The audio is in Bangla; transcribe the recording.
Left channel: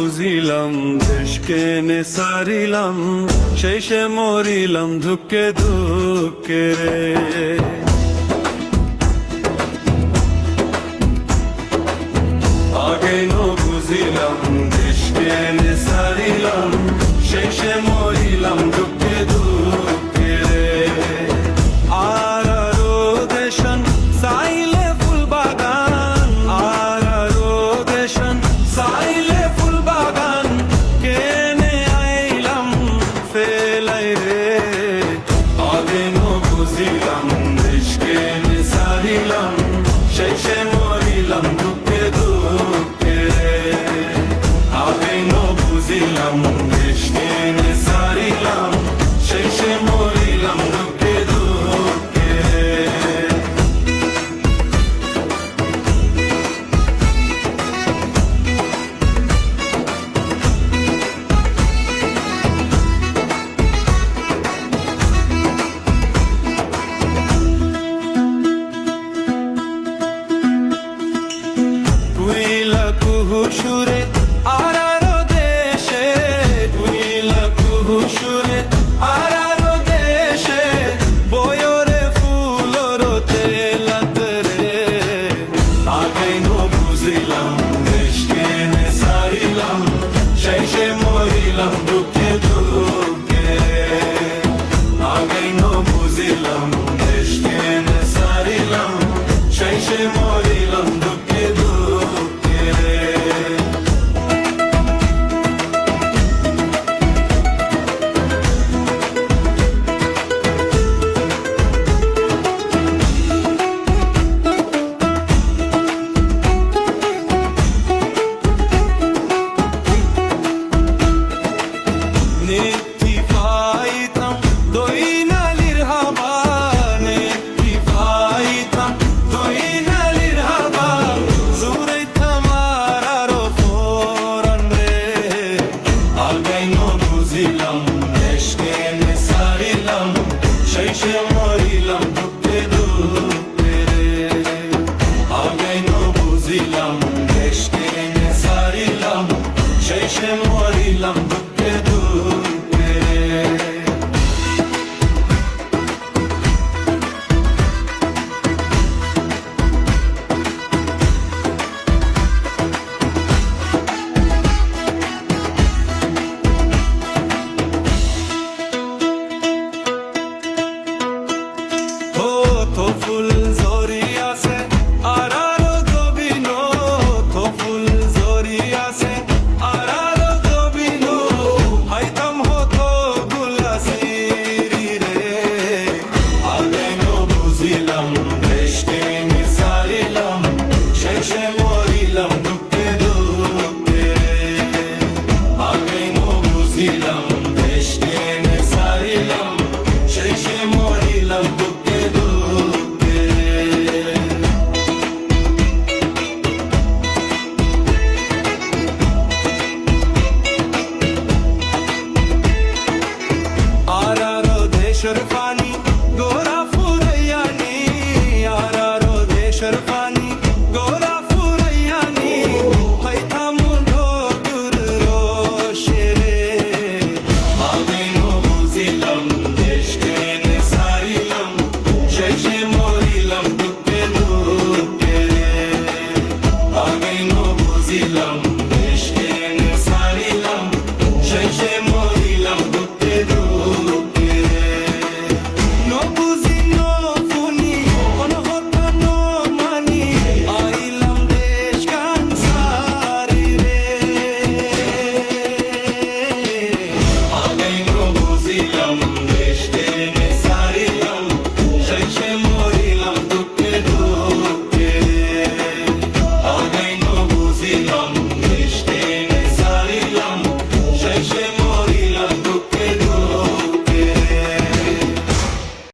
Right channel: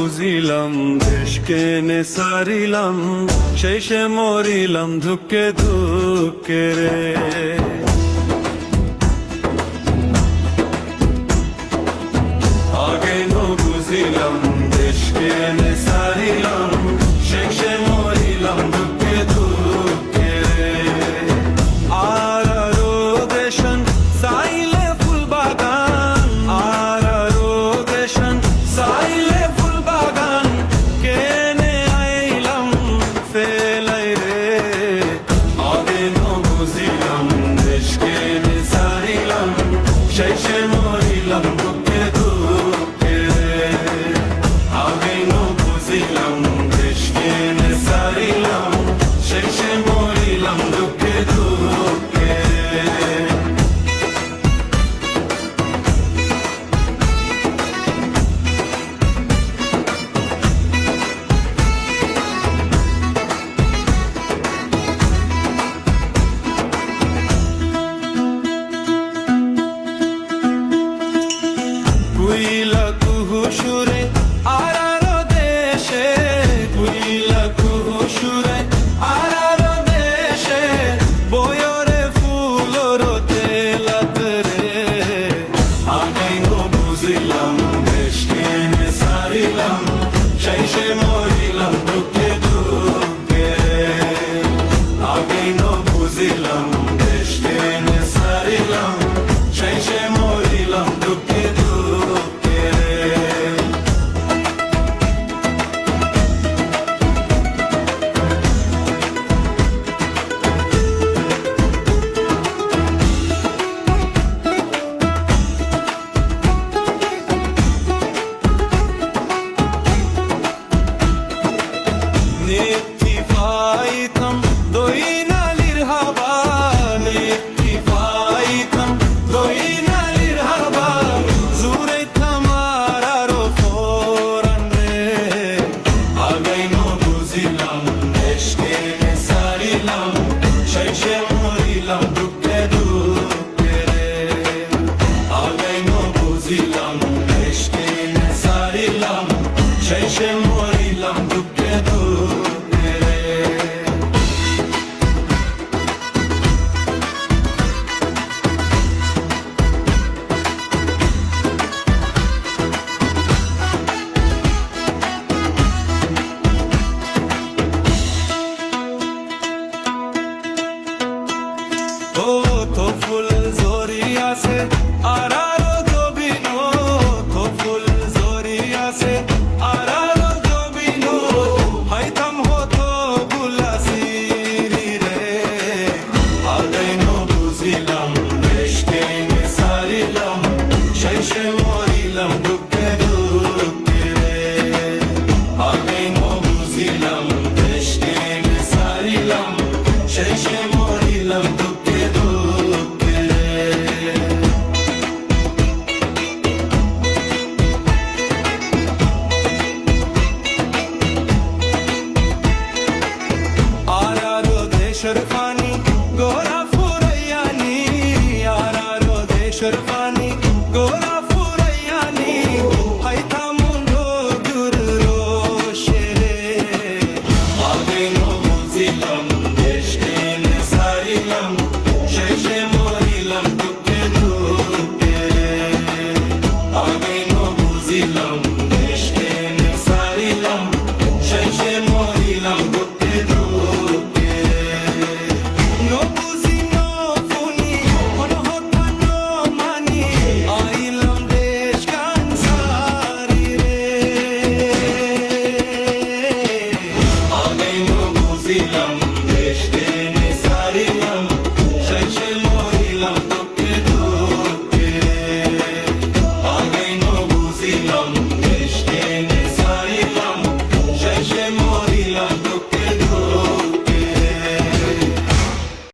বুঝিলাম দেশকে নে সারিলাম, শেষে মরিলাম ধুকে ধুকে রে। আগে ন বুঝিলাম দেশকে নে সারিলাম, শেষে মরিলাম ধুকে ধুকে রে। আরো দেশন সাইলে ফুল বাগান, আরো দেশন সাইলে ফুল বাগান, কেনে আইলাম ফেলাই রে। আগে ন বুঝিলাম দেশকে নে সারিলাম, শেষে মরিলাম দুঃখে দুঃখে রে। আগে ন বুঝিলাম দেশকে নে সারিলাম, শেষে মরিলাম দুঃখে দুঃখে রে। কুইলা কুহু সুরে আরারো দেশে, কুইলা কুহু সুরে আরারো দেশে, বয়রে ফুলর তেলাত রে। আগাই ন বুঝিলাম দেশকে নে সারিলাম, শেষে মরিলাম দুঃখে দুঃখে। আগাই ন বুঝিলাম দেশকে নে সারিলাম, শেষে মরিলাম দুঃখে দুঃখে রে। নেত্রী পাইতাম দইনালির হাবা, নেত্রী পাইতাম দইনালির হাবা, জুড়াইতাম আরো ফোরান রে। আগাই ন বুঝিলাম দেশকে নে সারিলাম, শেষে মরিলাম দুঃখে দুঃখে রে। আগাই ন বুঝিলাম দেশকে নে সারিলাম, শেষে মরিলাম দুঃখে দুঃখে রে। ও তো ফুল জরি আছে আরারো জবিন, তো ফুল জরি আছে আরারো জবিন, হাইতাম হতো গুলাসিরি রে। আগাই ন বুঝিলাম দেশকে নে সারিলাম, শেষে মরিলাম দুঃখে দুঃখে রে। আগাই ন বুঝিলাম দেশকে নে সারিলাম, শেষে মরিলাম দুঃখে দুঃখে রে। আরারো দেশের পানি গোরা ফুরাইয়ানি, আরারো দেশের পানি গোরা ফুরাইয়ানি, হাইতাম দূর রোশে রে। আগে ন বুঝিলাম দেশকে নে সারিলাম, শেষে মরিলাম দুঃখে দুঃখে রে। আগে ন বুঝিলাম